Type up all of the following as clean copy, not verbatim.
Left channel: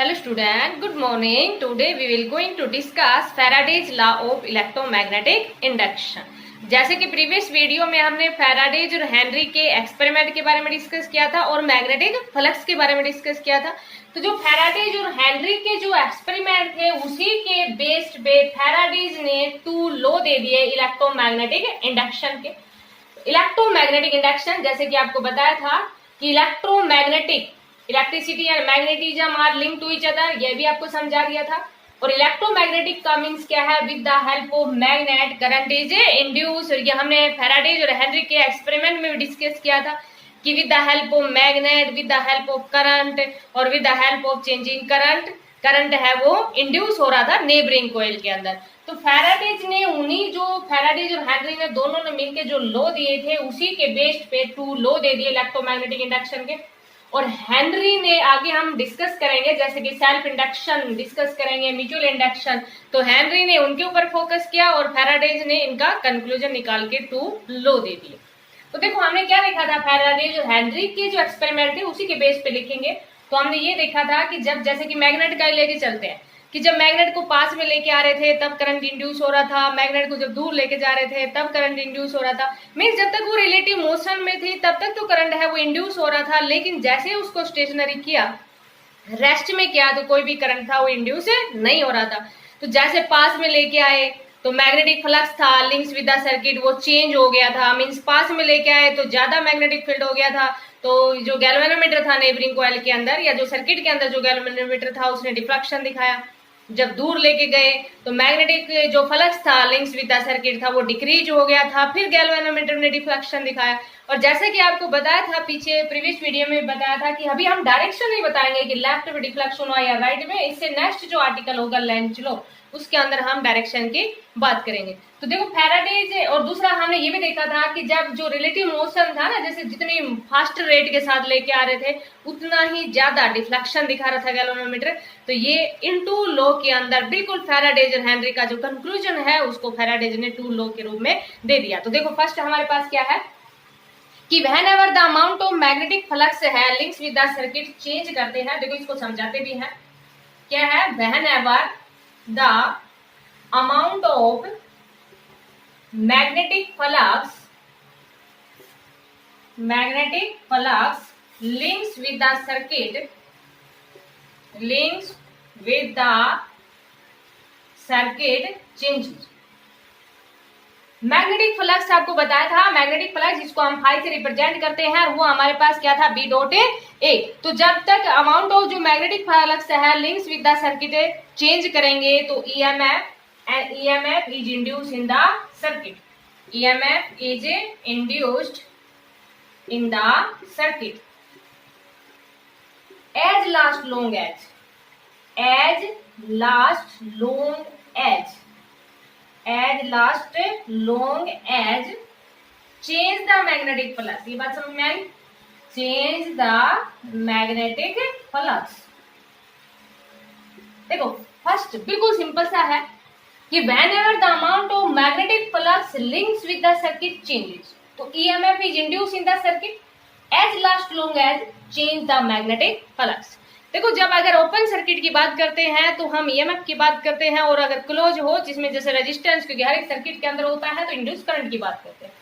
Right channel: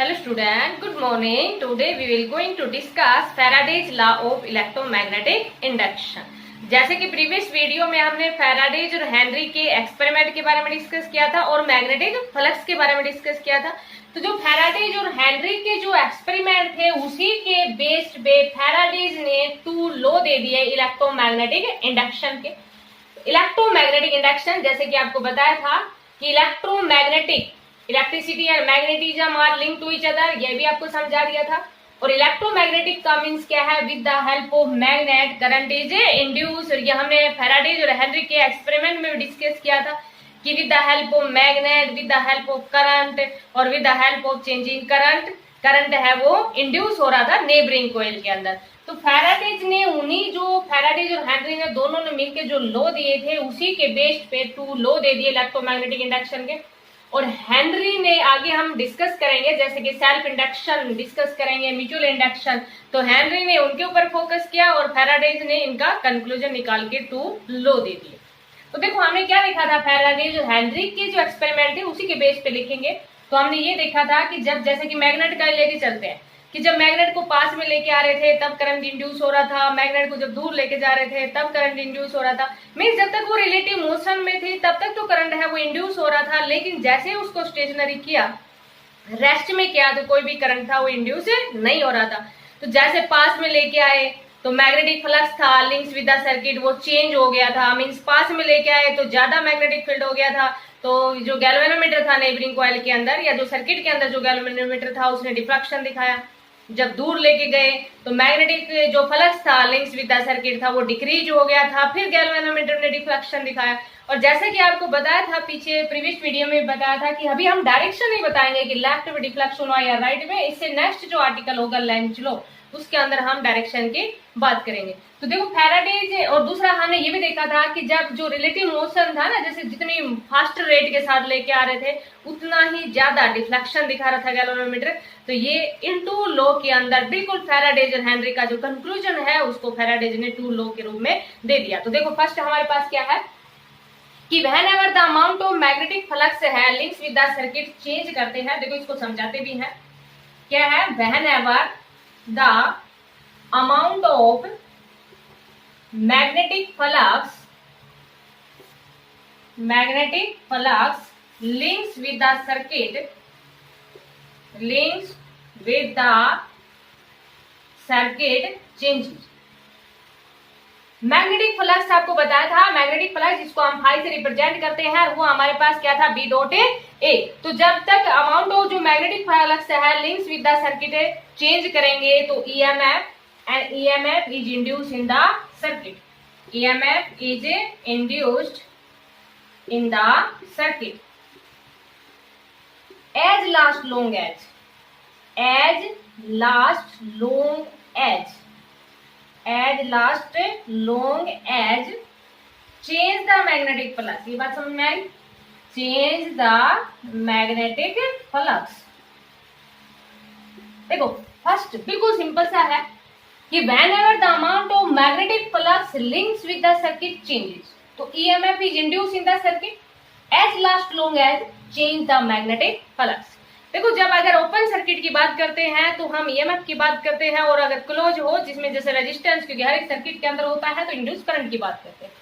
Hello student, good morning. Today we will going to discuss Faraday's law of electromagnetic induction. जैसे कि previous video में हमने Faraday's और Henry के experiment के बारे में डिस्कस किया था और मैग्नेटिक फ्लक्स के बारे में डिस्कस किया था। तो जो फैराडेज और हेनरी के जो एक्सपेरिमेंट थे उसी के बेस्ड पे फैराडेज ने 2 लॉ दे दिए इलेक्ट्रोमैग्नेटिक इंडक्शन के। इलेक्ट्रोमैग्नेटिक इंडक्शन जैसे कि आपको बताया था कि electromagnetic electricity and magnetism are link to each other, ये भी आपको समझा दिया था। और इलेक्ट्रोमैग्नेटिक का मीन्स क्या है, with the help of magnet current is induce. और ये हमने फैराडेज और हेनरी के एक्सपेरिमेंट में डिस्कस किया था कि with the help of magnet, with the help of current और with the help of changing current है वो इंड्यूस हो रहा था नेबरिंग कॉइल के अंदर। तो फैराडेज ने फैराडेज और हेनरी ने दोनों ने मिलकर जो लॉ दिए थे उसी के बेस्ड पे 2 लॉ दे दिए इलेक्ट्रोमैग्नेटिक इंडक्शन के। और हेनरी ने आगे हम डिस्कस करेंगे जैसे कि सेल्फ इंडक्शन डिस्कस करेंगे, म्यूचुअल इंडक्शन। तो हेनरी ने उनके ऊपर फोकस किया और फैराडेज ने इनका कंक्लूजन निकाल के 2 लॉ दे दिए। तो देखो हमने क्या देखा था, फैराडेज और हेनरी के जो एक्सपेरिमेंट थे उसी के बेस पे लिखेंगे। तो हमने ये देखा था कि जब जैसे कि मैग्नेट का लेके चलते हैं कि जब मैग्नेट को पास में लेके आ रहे थे तब करंट इंड्यूस हो रहा था, मैग्नेट को जब दूर लेके जा रहे थे तब करंट इंड्यूस हो रहा था। मीन्स जब तक वो रिलेटिव मोशन में थी तब तक तो करंट है वो इंड्यूस हो रहा था, लेकिन जैसे ही उसको स्टेशनरी किया, रेस्ट में किया, तो कोई भी करंट था वो इंड्यूस नहीं हो रहा था। तो जैसे पास में लेके आए तो मैग्नेटिक फ्लक्स था लिंक्स विद द सर्किट वो चेंज हो गया था। मीन्स पास में लेके आए तो ज्यादा मैग्नेटिक फील्ड हो गया था। तो जो गैल्वेनोमीटर था नेबरिंग कॉइल के अंदर या जो सर्किट के अंदर जो गैल्वेनोमीटर था उसने डिफ्लेक्शन दिखाया। जब दूर लेके गए तो मैग्नेटिक जो फ्लक्स था लिंक्स विद द सर्किट था वो डिक्रीज हो गया था, फिर गैल्वेनोमीटर ने डिफ्लेक्शन दिखाया। और जैसे कि आपको बताया था पीछे प्रीवियस वीडियो में बताया था कि अभी हम डायरेक्शन नहीं बताएंगे कि लेफ्ट में डिफ्लेक्शन हुआ या राइट में, इससे नेक्स्ट जो आर्टिकल होगा लेंज लॉ उसके अंदर हम डायरेक्शन की बात करेंगे। तो देखो फैराडेज और दूसरा हमने ये भी देखा था कि जब जो रिलेटिव मोशन था ना, जैसे जितनी फास्ट रेट के साथ लेके आ रहे थे उतना ही ज्यादा डिफ्लेक्शन दिखा रहा था गैल्वेनोमीटर। तो ये इन 2 लॉ के अंदर बिल्कुल फैराडेज और हेनरी का जो कंक्लूजन है उसको फैराडेज ने 2 लॉ के रूप में दे दिया। तो देखो फर्स्ट हमारे पास क्या है कि whenever the amount of magnetic flux है links with the circuit change करते हैं। देखो इसको समझाते भी हैं क्या है, whenever the amount of magnetic flux links with the circuit changes। Magnetic flux आपको बताया था, मैग्नेटिक फ्लक्स जिसको हम फाई से रिप्रेजेंट करते हैं वो हमारे पास क्या था, बी डॉट ए। तो जब तक अमाउंट ऑफ जो मैग्नेटिक फ्लक्स है links with the circuit change करेंगे तो EMF is induced in the circuit, EMF is induced in the circuit as last long as change the magnetic flux। ये बात समझ में आई, change the magnetic flux। देखो first बिल्कुल simple सा है कि whenever the amount of magnetic flux links with the circuit changes तो EMF is induced in the circuit as long as change the magnetic flux। देखो जब अगर ओपन सर्किट की बात करते हैं तो हम ईएमएफ की बात करते हैं, और अगर क्लोज हो जिसमें जैसे रेजिस्टेंस क्योंकि हर एक सर्किट के अंदर होता है तो इंड्यूस करंट की बात करते हैं।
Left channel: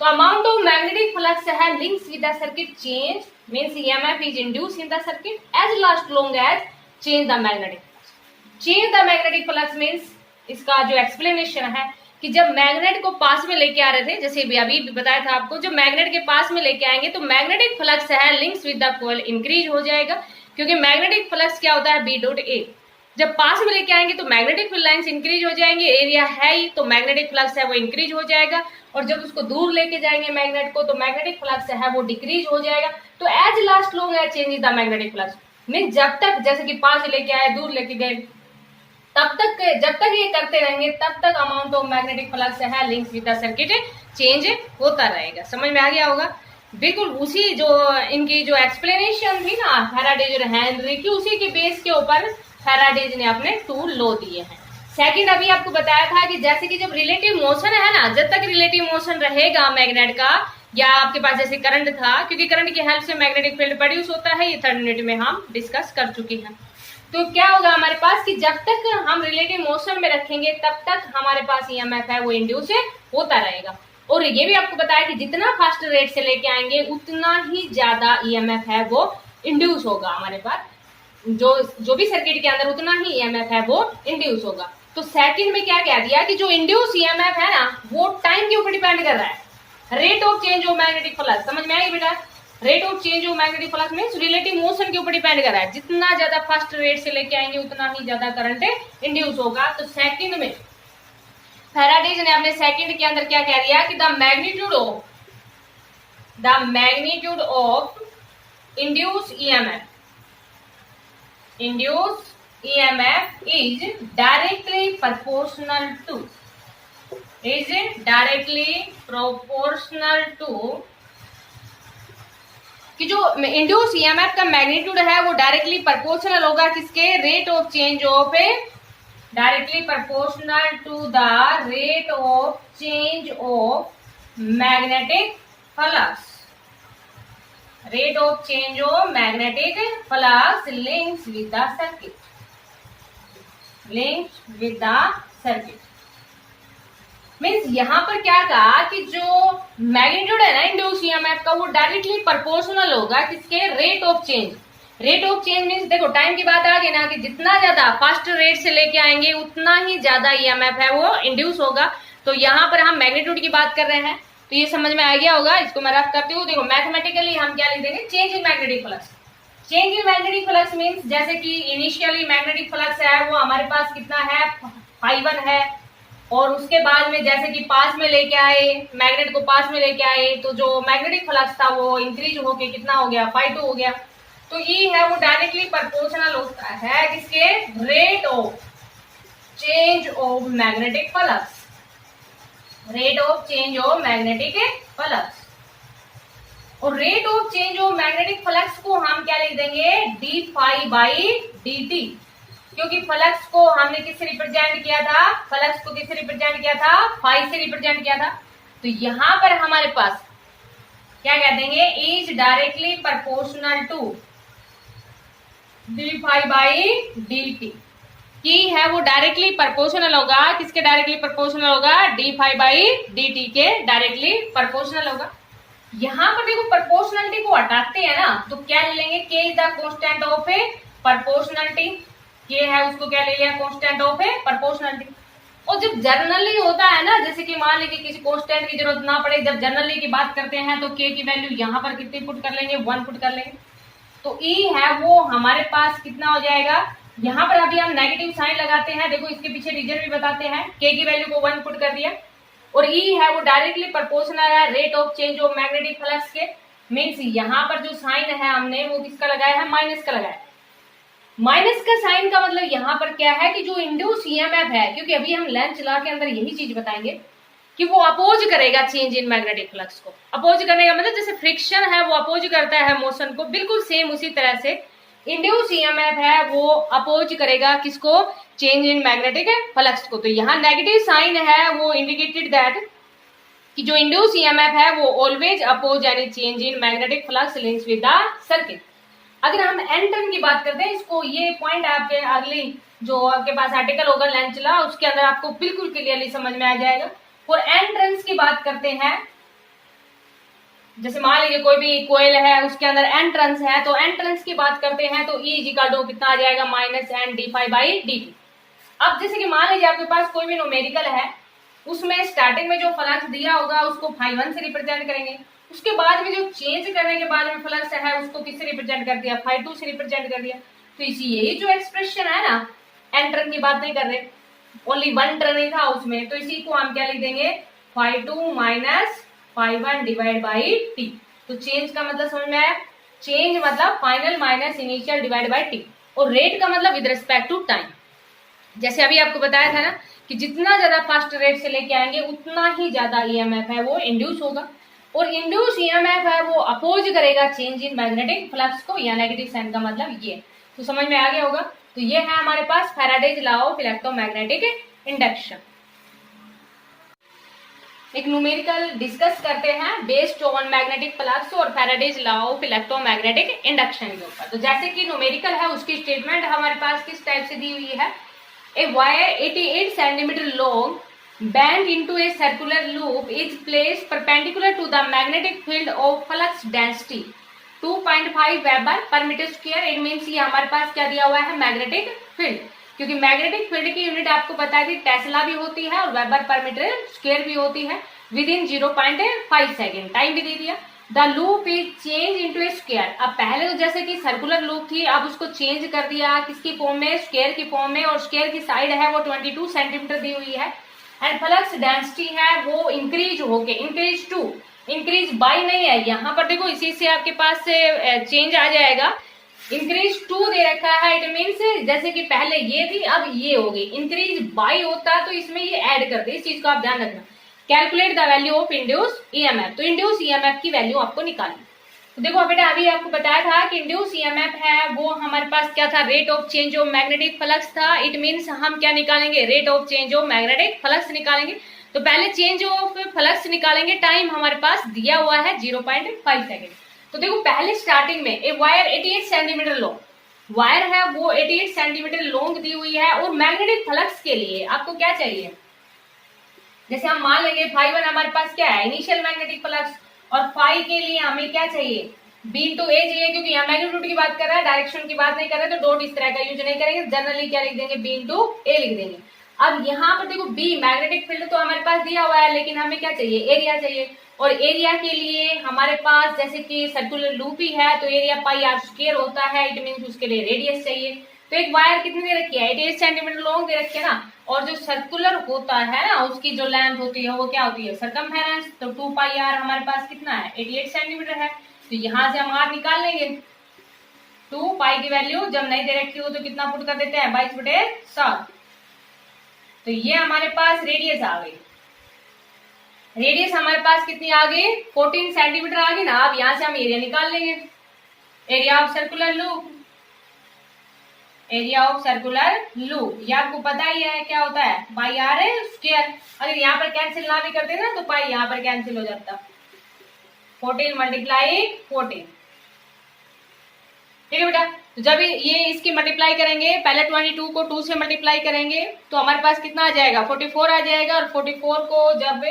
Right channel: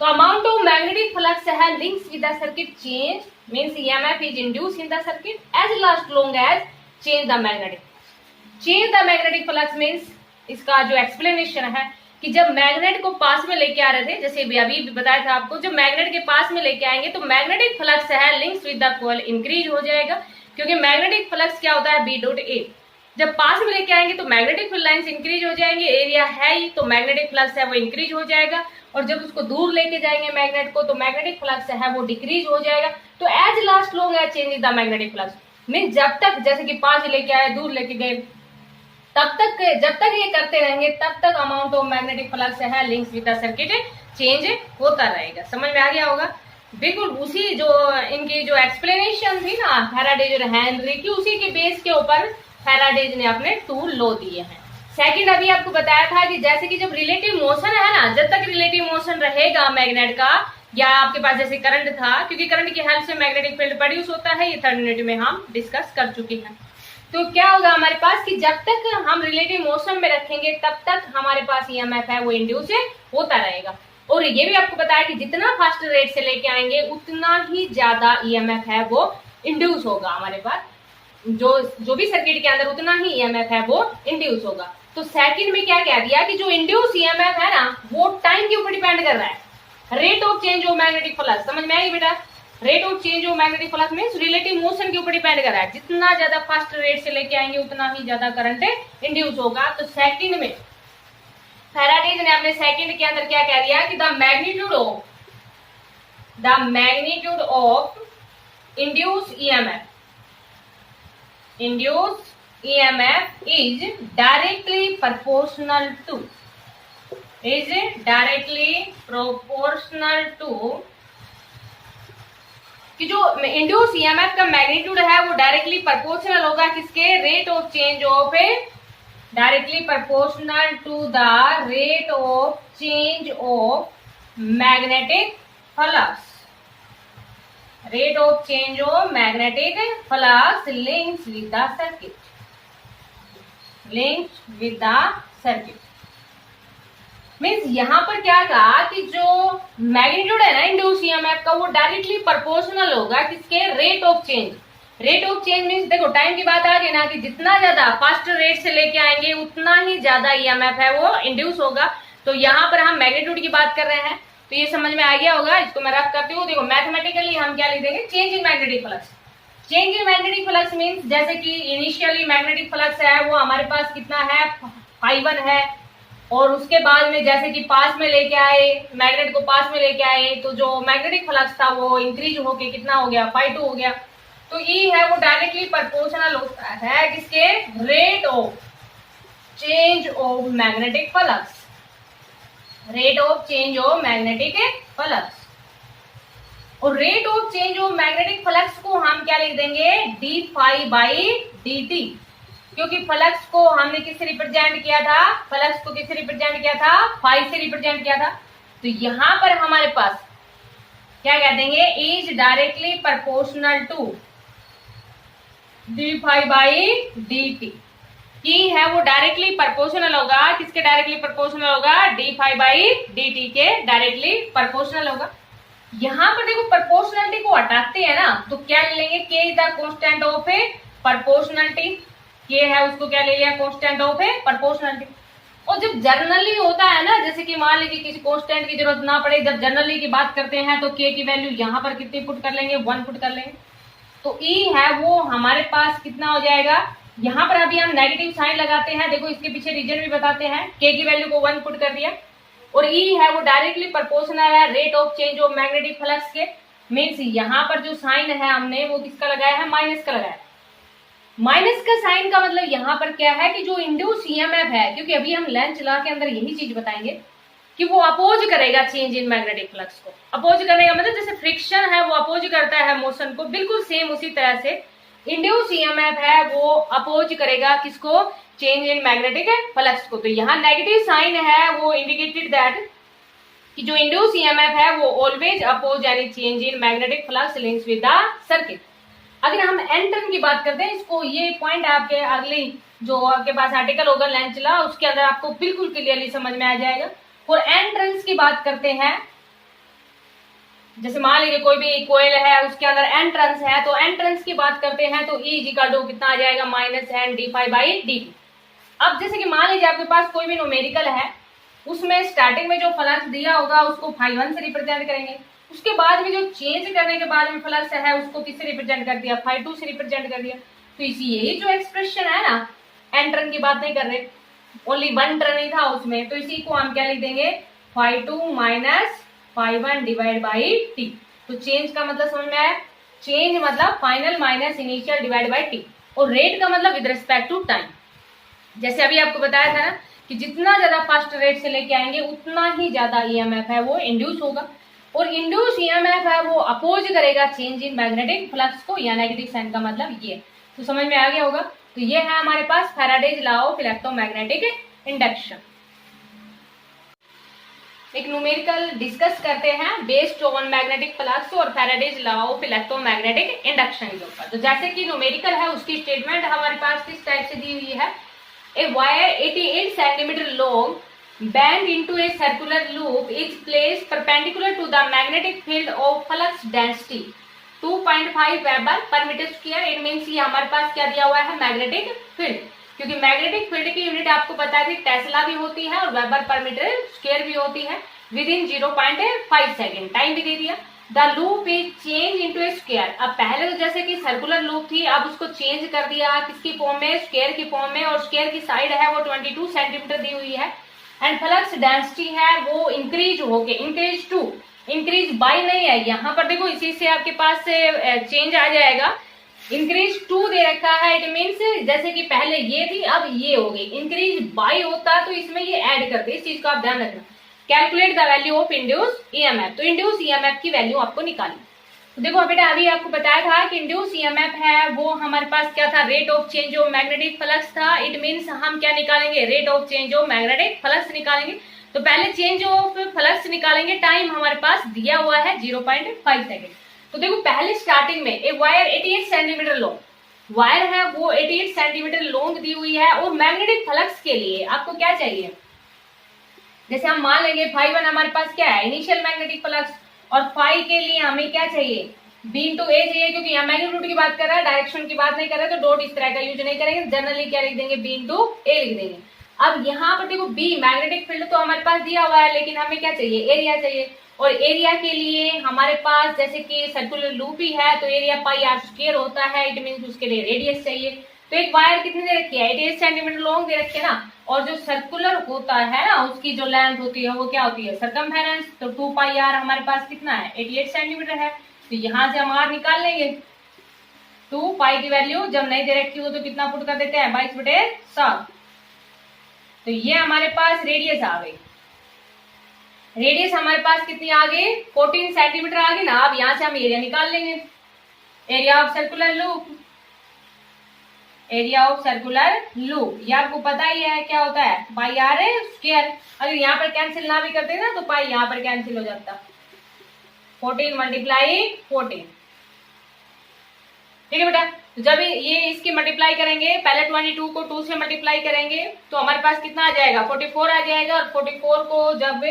तो अमाउंट ऑफ मैग्नेटिक फ्लक्स है links with the circuit change means EMF is induced in the circuit as long as change the magnetic flux. Change the magnetic flux means इसका जो एक्सप्लेनेशन है कि जब मैग्नेट को पास में लेके आ रहे थे, जैसे अभी भी बताया था आपको, जब मैग्नेट के पास में लेके आएंगे तो मैग्नेटिक फ्लक्स है links with the coil increase हो जाएगा, क्योंकि मैग्नेटिक फ्लक्स क्या होता है, बी डॉट ए। जब पास में लेके आएंगे तो मैग्नेटिक लाइंस इंक्रीज हो जाएंगे, एरिया है ही तो मैग्नेटिक फ्लक्स है वो इंक्रीज हो जाएगा। और जब उसको दूर लेके जाएंगे मैग्नेट को तो मैग्नेटिक फ्लक्स है वो डिक्रीज हो जाएगा। तो एज लास्ट लोग है change the magnetic flux mean जब तक जैसे कि पास लेके आए दूर लेके गए तब तक जब तक ये करते रहेंगे तब तक अमाउंट ऑफ मैग्नेटिक फ्लक्स है links with the circuit change होता रहेगा। समझ में आ गया होगा। बिल्कुल उसी जो इनकी जो एक्सप्लेनेशन थी ना फैराडेज और हेनरी की, उसी के बेस के ऊपर फैराडेज ने अपने 2 लॉ दिए हैं। सेकंड अभी आपको बताया था कि जैसे कि जब रिलेटिव मोशन है ना, जब तक रिलेटिव मोशन रहेगा मैग्नेट का या आपके पास जैसे करंट था, क्योंकि करंट की हेल्प से मैग्नेटिक फील्ड प्रोड्यूस होता है, ये 3rd यूनिट में हम डिस्कस कर चुके हैं। तो क्या होगा हमारे पास कि जब तक हम रिलेटिव मोशन में रखेंगे तब तक हमारे पास ईएमएफ है वो इंड्यूस होता रहेगा। और ये भी आपको बताया कि जितना फास्ट रेट से लेके आएंगे उतना ही ज्यादा ईएमएफ है वो इंड्यूस होगा हमारे पास, जो भी सर्किट के अंदर उतना ही ईएमएफ है वो इंड्यूस होगा। तो सेकंड में क्या कह दिया कि जो इंड्यूस ईएमएफ है ना वो टाइम के ऊपर डिपेंड कर रहा है, rate of change of magnetic flux. समझ में आई बेटा? Rate of change of magnetic flux means relative motion के ऊपर डिपेंड कर रहा है, जितना ज्यादा फास्ट रेट से लेके आएंगे उतना ही ज्यादा करंट इंड्यूस होगा। तो सेकंड में फैराडेज ने अपने सेकंड के अंदर क्या कह दिया कि the magnitude of induce EMF is directly proportional to कि जो इंड्यूस ईएमएफ का मैग्नीट्यूड है वो डायरेक्टली प्रोपोर्शनल होगा किसके? Rate of change of directly proportional to the rate of change of magnetic flux. Rate of change of magnetic flux links with the circuit. Means यहाँ पर क्या कहा कि जो मैग्नीट्यूड है ना इंड्यूस ईएमएफ का वो डायरेक्टली प्रोपोर्शनल होगा किसके? Rate of change. Rate of change means देखो टाइम की बात आ गई ना कि जितना ज्यादा फास्ट रेट से लेके आएंगे उतना ही ज्यादा ईएमएफ है वो इंड्यूस होगा। तो यहाँ पर हम मैग्नीट्यूड की बात कर रहे हैं, तो ये समझ में आ गया होगा। इसको मैं रफ करती हूँ। देखो मैथमेटिकली हम क्या लिख देंगे? Change in magnetic flux. Change in magnetic flux means जैसे कि इनिशियली मैग्नेटिक फ्लक्स है वो हमारे पास कितना है? ∅1 है, और उसके बाद में जैसे कि पास में लेके आए, मैग्नेट को पास में लेके आए, तो जो मैग्नेटिक फ्लक्स था वो इंक्रीज होके कितना हो गया? ∅2 हो गया। तो E है वो डायरेक्टली प्रोपोर्शनल होता है किसके? Rate of change of magnetic flux. Rate of change of magnetic flux. और rate of change of magnetic flux को हम क्या लिख देंगे? d∅dt, क्योंकि फ्लक्स को हमने किससे रिप्रेजेंट किया था? फ्लक्स को किससे रिप्रेजेंट किया था? फाई से रिप्रेजेंट किया था। तो यहां पर हमारे पास क्या कह देंगे? Is directly proportional to d∅dt। की है वो डायरेक्टली प्रोपोर्शनल होगा किसके? डायरेक्टली प्रोपोर्शनल होगा d∅dt के डायरेक्टली प्रोपोर्शनल होगा। यहां पर देखो प्रोपोर्शनलिटी को हटाते हैं ना तो क्या ले लेंगे? k is the constant of A proportionality. ये है उसको क्या ले लिया? Constant of A proportionality. और जब जनरली होता है ना, जैसे कि मान लीजिए किसी कांस्टेंट की जरूरत ना पड़े, जब जनरली की बात करते हैं तो k की वैल्यू यहाँ पर कितनी पुट कर लेंगे? 1 पुट कर लेंगे। तो E है वो हमारे पास कितना हो जाएगा? यहाँ पर अभी हम नेगेटिव साइन लगाते हैं, देखो इसके पीछे रीजन भी बताते हैं। k की वैल्यू को 1 पुट कर दिया, और E है वो डायरेक्टली प्रोपोर्शनल है rate of change of magnetic flux के। मीन्स यहाँ पर जो साइन है हमने वो किसका लगाया है? माइनस का लगाया। माइनस का साइन का मतलब यहाँ पर क्या है कि जो इंड्यूस ईएमएफ है, क्योंकि अभी हम लेंथ लॉ के अंदर यही चीज बताएंगे कि वो अपोज करेगा चेंज इन मैग्नेटिक फ्लक्स को। अपोज करने का मतलब जैसे फ्रिक्शन है वो अपोज करता है मोशन को, बिल्कुल सेम उसी तरह से इंड्यूस ईएमएफ है वो अपोज करेगा किसको? चेंज इन मैग्नेटिक फ्लक्स को। तो यहाँ नेगेटिव साइन है वो इंडिकेटेड दैट कि जो इंड्यूस ईएमएफ है वो always oppose any change in magnetic flux links with the circuit. अगर हम एन टर्न की बात करते हैं, इसको ये पॉइंट आपके अगली जो आपके पास आर्टिकल होगा लेंथ लॉ उसके अंदर आपको बिल्कुल क्लियरली समझ में आ जाएगा। और एन टर्न्स की बात करते हैं, जैसे मान लीजिए कोई भी कोयल है उसके अंदर एन टर्न्स है, तो एन टर्न्स की बात करते हैं तो E इक्वल टू कितना आ जाएगा? -n d∅dt। अब जैसे कि मान लीजिए आपके पास कोई भी न्यूमेरिकल है, उसमें स्टार्टिंग में जो फ्लक्स दिया होगा उसको ∅1 से रिप्रेजेंट करेंगे, उसके बाद में जो चेंज करने के बाद में फ्लक्स है उसको किससे रिप्रेजेंट कर दिया? ∅2 से रिप्रेजेंट कर दिया। तो इसी यही जो एक्सप्रेशन है ना, एन टर्न की बात नहीं कर रहे, ओनली 1 टर्न ही था उसमें, तो इसी को हम क्या लिख देंगे? ∅2 माइनस ∅1 डिवाइड बाई t। तो चेंज का मतलब समझ में आया? चेंज मतलब final minus initial divide by t, और रेट का मतलब विद रिस्पेक्ट टू टाइम। जैसे अभी आपको बताया था ना कि जितना ज्यादा फास्ट रेट से लेके आएंगे उतना ही ज्यादा ईएमएफ है वो इंड्यूस होगा, और इंड्यूस ईएमएफ है वो अपोज करेगा चेंज इन मैग्नेटिक फ्लक्स को, या नेगेटिव साइन का मतलब ये। तो समझ में आ गया होगा। तो ये है हमारे पास Faraday's law of electromagnetic induction. एक न्यूमेरिकल डिस्कस करते हैं बेस्ड ऑन मैग्नेटिक फ्लक्स और Faraday's law of electromagnetic induction के ऊपर। तो जैसे कि न्यूमेरिकल है उसकी स्टेटमेंट हमारे पास किस टाइप से दी हुई है, a wire 88 centimetre long bent into a circular loop is placed perpendicular to the magnetic field of flux density 2.5 weber per metre square. It means ये हमारे पास क्या दिया हुआ है, मैग्नेटिक फील्ड, क्योंकि मैग्नेटिक फील्ड की यूनिट आपको पता थी टेस्ला भी होती है और वेबर पर मीटर स्क्वायर भी होती है। विद इन 0.5 सेकेंड टाइम भी दे दिया। The loop is change into A square. अब पहले तो जैसे कि सर्कुलर लूप थी, अब उसको चेंज कर दिया किसकी फॉर्म में, स्क्वायर की फॉर्म में, और स्क्वायर की साइड है वो 22 सेंटीमीटर दी हुई है। एंड फ्लक्स डेंसिटी है वो इंक्रीज होके, इंक्रीज टू, इंक्रीज बाय नहीं है यहाँ पर, देखो इसी से आपके पास चेंज आ जाएगा। इंक्रीज टू दे रखा है, इट मीन्स जैसे कि पहले ये थी अब ये होगी, इंक्रीज बाय होता तो इसमें ये ऐड कर दे, इस चीज को आप ध्यान रखना। Calculate the value of induce EMF, तो इंड्यूस ईएमएफ की वैल्यू आपको निकालनी। तो देखो बेटा अभी आपको बताया था कि इंड्यूस ईएमएफ है वो हमारे पास क्या था, rate of change of magnetic flux था। इट मींस हम क्या निकालेंगे, rate of change of magnetic flux निकालेंगे। तो पहले चेंज ऑफ फ्लक्स निकालेंगे, टाइम हमारे पास दिया हुआ है 0.5 सेकेंड। तो देखो पहले स्टार्टिंग में एक वायर 88 सेंटीमीटर लॉन्ग वायर है वो 88 सेंटीमीटर लॉन्ग दी हुई है, और मैग्नेटिक फ्लक्स के लिए आपको क्या चाहिए, जैसे हम मान लेंगे φ1 हमारे पास क्या है, इनिशियल मैग्नेटिक फ्लक्स, और फाई के लिए हमें क्या चाहिए, बी इंटू ए चाहिए, क्योंकि यहाँ मैग्नीट्यूड की बात कर रहा है, डायरेक्शन की बात नहीं कर रहे, तो डॉट इस तरह का यूज नहीं करेंगे, जनरली क्या लिख देंगे, बी इंटू ए लिख देंगे। अब यहाँ पर देखो बी मैग्नेटिक फील्ड तो हमारे पास दिया हुआ है, लेकिन हमें क्या चाहिए, एरिया चाहिए, और एरिया के लिए हमारे पास जैसे कि सर्कुलर लूप ही है तो एरिया पाई आर स्क्वायर होता है, इट मीन्स उसके लिए रेडियस चाहिए। तो एक वायर कितनी दे रखी है, 88 सेंटीमीटर लॉन्ग दे रखी है ना, और जो सर्कुलर होता है ना उसकी जो लेंथ होती है वो क्या होती है, सरकमफेरेंस। तो 2 पाई आर हमारे पास कितना है, 88 सेंटीमीटर है, तो यहाँ से हम आर निकाल लेंगे। 2 पाई की वैल्यू जब नहीं दे रखी हो तो कितना पुट कर देते हैं, 22/7। तो ये हमारे पास रेडियस आ गई, रेडियस हमारे पास कितनी आ गई, 14 सेंटीमीटर आ गई ना। अब यहाँ से हम एरिया निकाल लेंगे, area of circular loop, area of circular loop ये आपको पता ही है क्या होता है, पाई आर स्क्वायर। अगर यहाँ पर कैंसिल ना भी करते ना तो पाई यहाँ पर कैंसिल हो जाता, 14 मल्टीप्लाई 14, ठीक है बेटा। तो जब ये इसकी मल्टीप्लाई करेंगे, पहले 22 को 2 से मल्टीप्लाई करेंगे तो हमारे पास कितना आ जाएगा, 44 आ जाएगा, और 44 को जब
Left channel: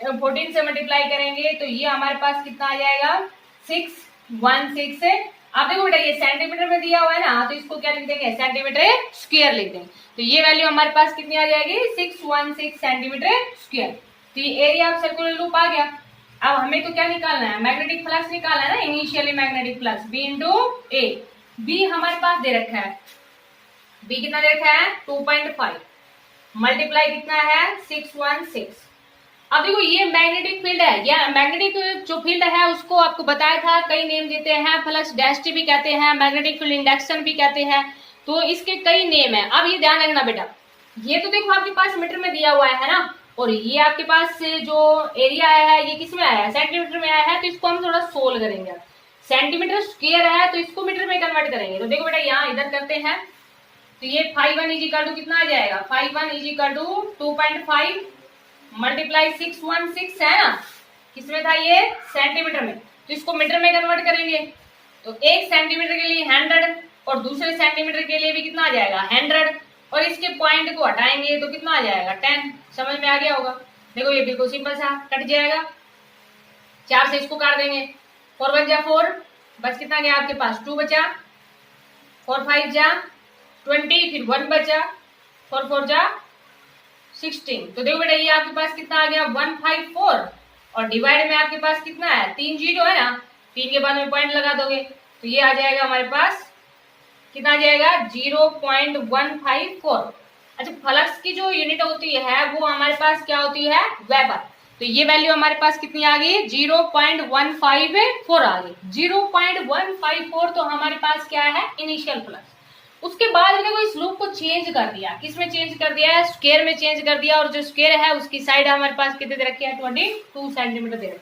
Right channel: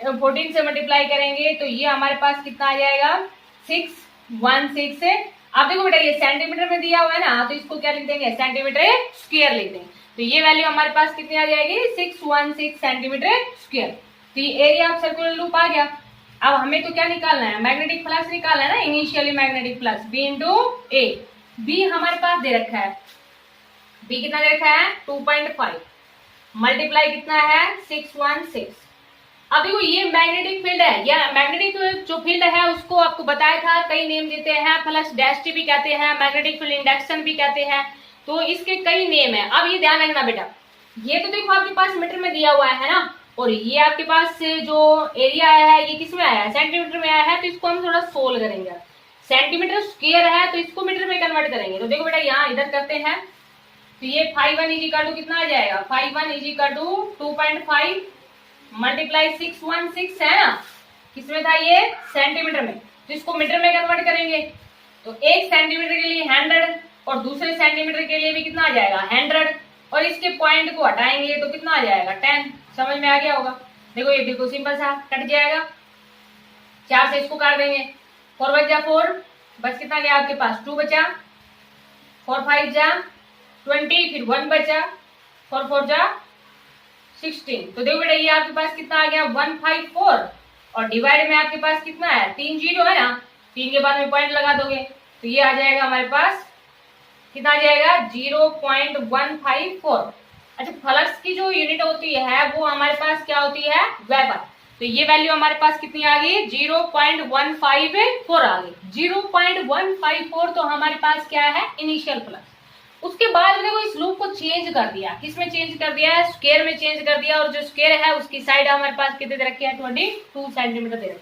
14 से मल्टीप्लाई करेंगे तो ये हमारे पास कितना आ जाएगा, 616 से। अब देखो बेटा ये सेंटीमीटर में दिया हुआ है ना, तो इसको क्या लिख देंगे, सेंटीमीटर स्क्वायर लिख देंगे। तो ये वैल्यू हमारे पास कितनी आ जाएगी, 616 सेंटीमीटर स्क्वायर। तो ये एरिया ऑफ सर्कुलर लूप आ गया। अब हमें तो क्या निकालना है, मैग्नेटिक फ्लक्स निकालना है ना, initially magnetic flux B into A. B हमारे पास दे रखा है, बी कितना दे रखा है, 2.5 मल्टीप्लाई कितना है, 616। अब देखो ये मैग्नेटिक फील्ड है, या मैग्नेटिक जो फील्ड है उसको आपको बताया था कई नेम देते हैं, फ्लक्स डेंसिटी भी कहते हैं, मैग्नेटिक फील्ड इंडक्शन भी कहते हैं, तो इसके कई नेम है। अब ये ध्यान रखना बेटा, ये तो देखो आपके पास मीटर में दिया हुआ है ना, और ये आपके पास जो एरिया आया है ये किस में आया है, सेंटीमीटर में आया है, तो इसको हम थोड़ा सोल्व करेंगे। सेंटीमीटर स्क्वायर है तो इसको मीटर में कन्वर्ट करेंगे। तो देखो बेटा यहाँ इधर करते हैं, तो ये φ1 इज इक्वल टू कितना आ जाएगा, φ1 इज इक्वल टू 2.5 मल्टीप्लाई 616 है ना, किसमें था ये, सेंटीमीटर में, तो इसको मीटर में कन्वर्ट करेंगे। तो एक सेंटीमीटर के लिए 100 और दूसरे सेंटीमीटर के लिए भी कितना आ जाएगा, 100, और इसके पॉइंट को हटाएंगे तो कितना आ जाएगा, 10। समझ में आ गया होगा। देखो ये बिल्कुल सिंपल सा कट जाएगा, 4 से इसको काट देंगे, 4 बच जा 4, बस कितना गया आपके पास, 2 बचा, 4 5 जा 20, फिर 1 बचा, 4 4 जा 16। तो देखो बेटा ये आपके पास कितना आ गया, 154, और डिवाइड में आपके पास कितना है, 3 जीरो है ना, 3 के बाद में पॉइंट लगा दोगे तो ये आ जाएगा हमारे पास कितना आ जाएगा, 0.154। अच्छा फ्लक्स की जो यूनिट होती है वो हमारे पास क्या होती है, वेबर। तो ये वैल्यू हमारे पास कितनी आ गई, 0.154 आ गई। 0.154 तो हमारे पास क्या है, इनिशियल फ्लक्स। उसके बाद देखो इस लूप को चेंज कर दिया, किसमें चेंज कर दिया है, स्क्वायर में चेंज कर दिया, और जो स्क्वायर है उसकी साइड हमारे पास कितने दे रखी है, 22 सेंटीमीटर दे रखी।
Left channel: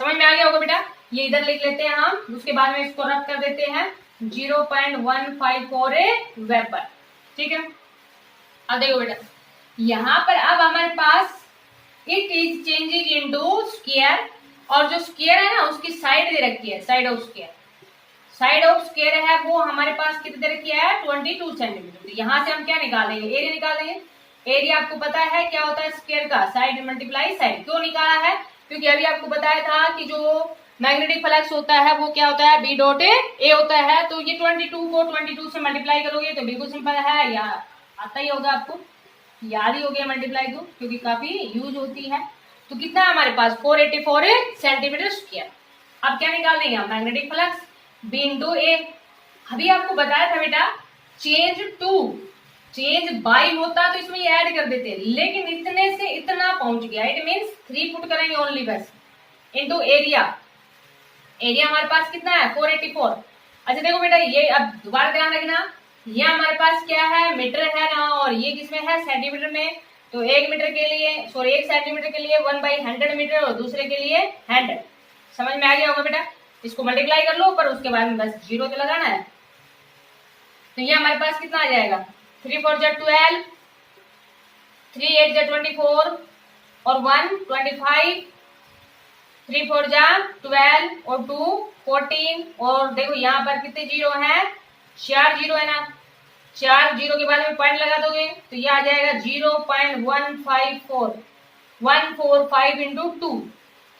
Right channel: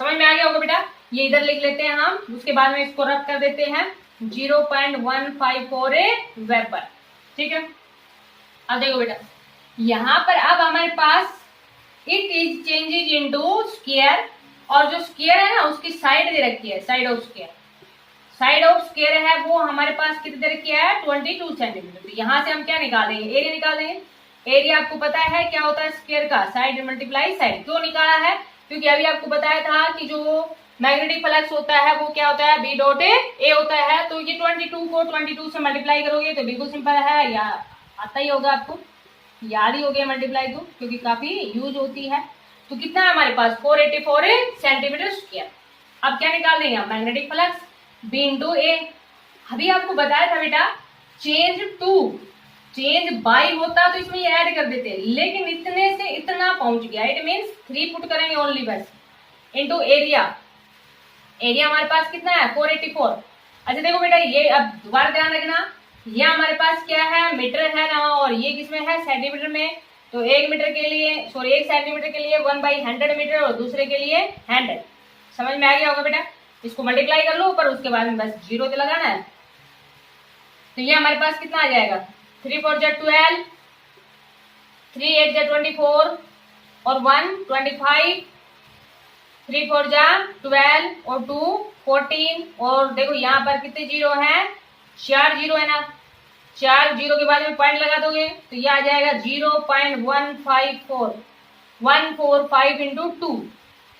समझ में आ गया होगा बेटा। ये इधर लिख लेते हैं हम, उसके बाद में इसको रब कर देते हैं, 0.154 वेबर, ठीक है। अब देखो बेटा यहाँ पर अब हमारे पास it is changes into square, और जो स्क्वायर है ना उसकी साइड दे रखी है, side of square, side of square है वो हमारे पास कितने दे रखी है 22 सेंटीमीटर। तो यहाँ से हम क्या निकालेंगे, एरिया निकालेंगे। एरिया आपको पता है क्या होता है स्क्वायर का, साइड मल्टीप्लाई साइड। क्यों निकाला है, क्योंकि अभी आपको बताया था कि जो मैग्नेटिक फ्लक्स होता है वो क्या होता है बी डॉट ए होता है। तो ये 22 को 22 से मल्टीप्लाई करोगे तो बिल्कुल सिंपल है, या आता ही होगा आपको, याद ही हो गया मल्टीप्लाई को, क्योंकि काफी यूज होती है। तो कितना है हमारे पास 484 सेंटीमीटर स्क्वायर। अब क्या निकाल देंगे हम, मैग्नेटिक फ्लक्स बी इंटू ए। अभी आपको बताया था बेटा चेंज टू, चेंज बाई होता तो इसमें ऐड कर देते, लेकिन इतने से इतना पहुंच गया, इट मीन्स 3 फुट करेंगे ओनली बस, इंटू एरिया। एरिया हमारे पास कितना है 484। अच्छा देखो बेटा ये अब दोबारा ध्यान रखना, ये हमारे पास क्या है मीटर है ना, और ये किसमें है सेंटीमीटर में। तो 1 मीटर के लिए, सॉरी 1 सेंटीमीटर के लिए 1/100 मीटर, और दूसरे के लिए 100। समझ में आ गया होगा बेटा, इसको मल्टीप्लाई कर लो, पर उसके बाद में बस जीरो तो लगाना है। तो ये हमारे पास कितना आ जाएगा 3 4 जा 12, 3 8 जा 24, और 1 25, 3 4 जा 12, और 2 14, और देखो यहाँ पर कितने जीरो हैं, 4 जीरो है ना, 4 जीरो के बाद में पॉइंट लगा दोगे तो ये आ जाएगा 0.154, 145 इंटू 2।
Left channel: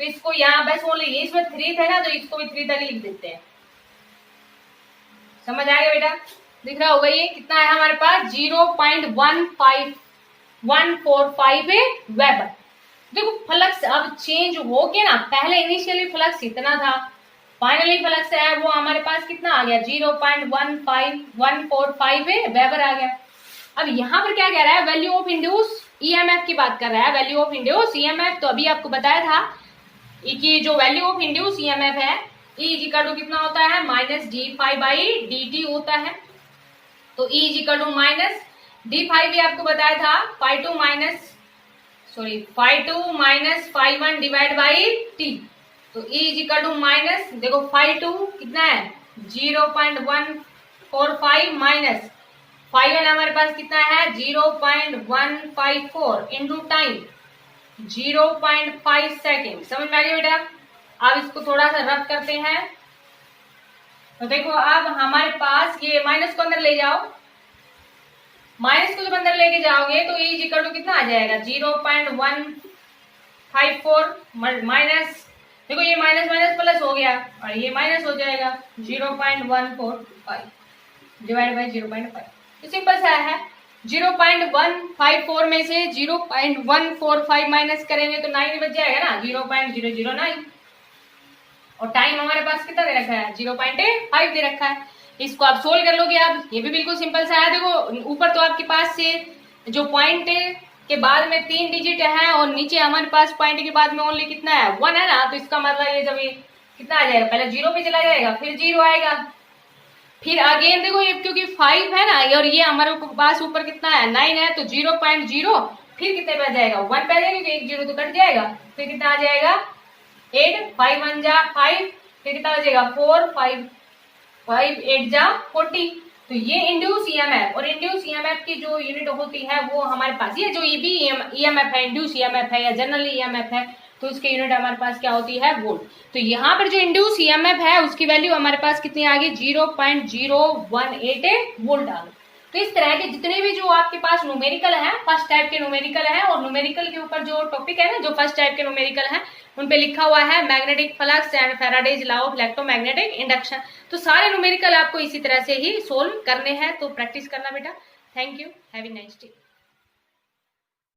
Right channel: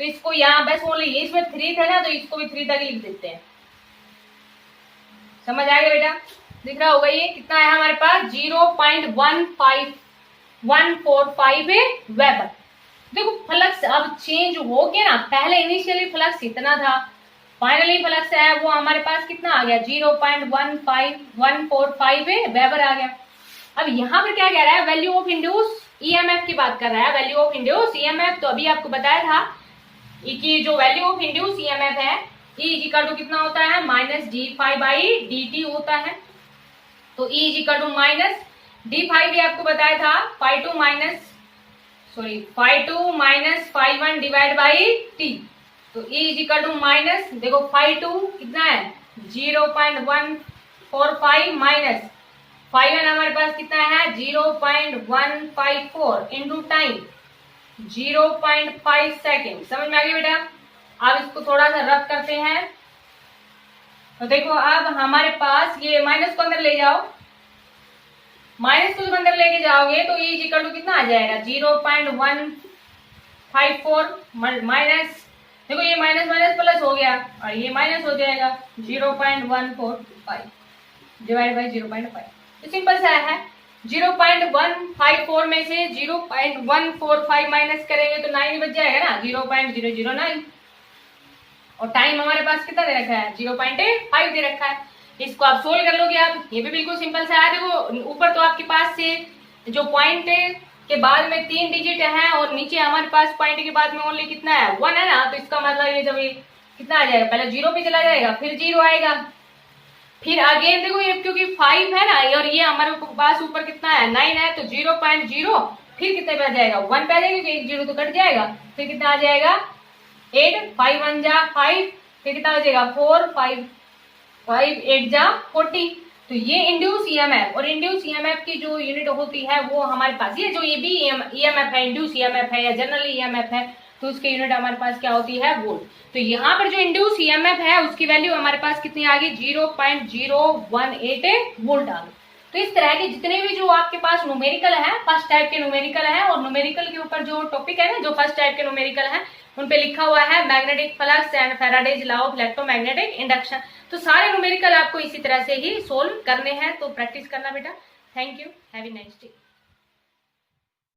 तो इसको यहाँ बस बोले ये इसमें 3 था ना, तो इसको भी 3 तक लिख देते हैं। समझ आ गया बेटा, दिख रहा होगा ये कितना है हमारे पास 0.15145 वेबर। देखो फ्लक्स अब चेंज हो गया ना, पहले इनिशियली फ्लक्स इतना था, फाइनली फ्लक्स है वो हमारे पास कितना आ गया 0.15145 वेबर आ गया। अब यहाँ पर क्या कह रहा है, वैल्यू ऑफ इंड्यूस ईएमएफ की बात कर रहा है, वैल्यू ऑफ इंड्यूस ईएमएफ। तो अभी आपको बताया था कि जो वैल्यू ऑफ इंड्यूस ईएमएफ है E इक्वल टू कितना होता है माइनस d∅dt होता है। तो E equal to minus d∅ भी आपको बताया था ∅2 माइनस ∅1 डिवाइड बाई t। तो E इक्वल टू माइनस, देखो ∅2 कितना है 0.145 माइनस ∅1 हमारे पास कितना है 0.154 इंटू टाइम 0.5 सेकेंड। समझ में आ गया बेटा, अब इसको थोड़ा सा रफ करते हैं। तो देखो अब हमारे पास ये माइनस को अंदर ले जाओ, माइनस को जब अंदर लेके जाओगे तो E इक्वल टू कितना आ जाएगा 0.154 माइनस, देखो ये माइनस माइनस प्लस हो गया और ये माइनस हो जाएगा 0.145 डिवाइड बाई 0.5। तो सिंपल सा है 0.154 में से 0.145 माइनस करेंगे तो 9 बच जाएगा ना 0.009। और टाइम हमारे पास कितना दे रखा है 0.5 दे रखा है। इसको आप सोल्व कर लोगे आप, ये भी बिल्कुल सिंपल सा है। देखो ऊपर तो आपके पास से जो पॉइंट के बाद में 3 डिजिट है और नीचे हमारे पास पॉइंट के बाद में ओनली कितना है 1 है ना, तो इसका मतलब ये जब ये कितना आ जाएगा पहले 0 पे चला जाएगा फिर 0 आएगा, फिर अगेन देखो ये क्योंकि 5 है ना और ये हमारे पास ऊपर कितना है 9 है, तो 0.0 फिर कितने पे आ जाएगा 1 पे आ जाएगा क्योंकि 1 0 तो कट जाएगा, फिर कितना आ जाएगा 8, 5 1 जा 5, फिर कितना हो जाएगा 4, 5 8 जा 40। तो ये इंड्यूस ईएमएफ, और इंड्यूस ईएमएफ की जो यूनिट होती है वो हमारे पास ये जो ये भी ईएमएफ है इंड्यूस ईएमएफ है या जनरली ईएमएफ है तो उसकी यूनिट हमारे पास क्या होती है वोल्ट। तो यहाँ पर जो इंड्यूस ईएमएफ है उसकी वैल्यू हमारे पास कितनी आ गई 0.018 वोल्ट आ गई। तो इस तरह के जितने भी जो आपके पास न्यूमेरिकल है फर्स्ट टाइप के न्यूमेरिकल है, और न्यूमेरिकल के ऊपर जो टॉपिक है ना जो फर्स्ट टाइप के न्यूमेरिकल है उन पे लिखा हुआ है magnetic flux and Faraday's law of electromagnetic induction. तो सारे न्यूमेरिकल आपको इसी तरह से ही सोल्व करने हैं, तो प्रैक्टिस करना बेटा। Thank you, have a nice day.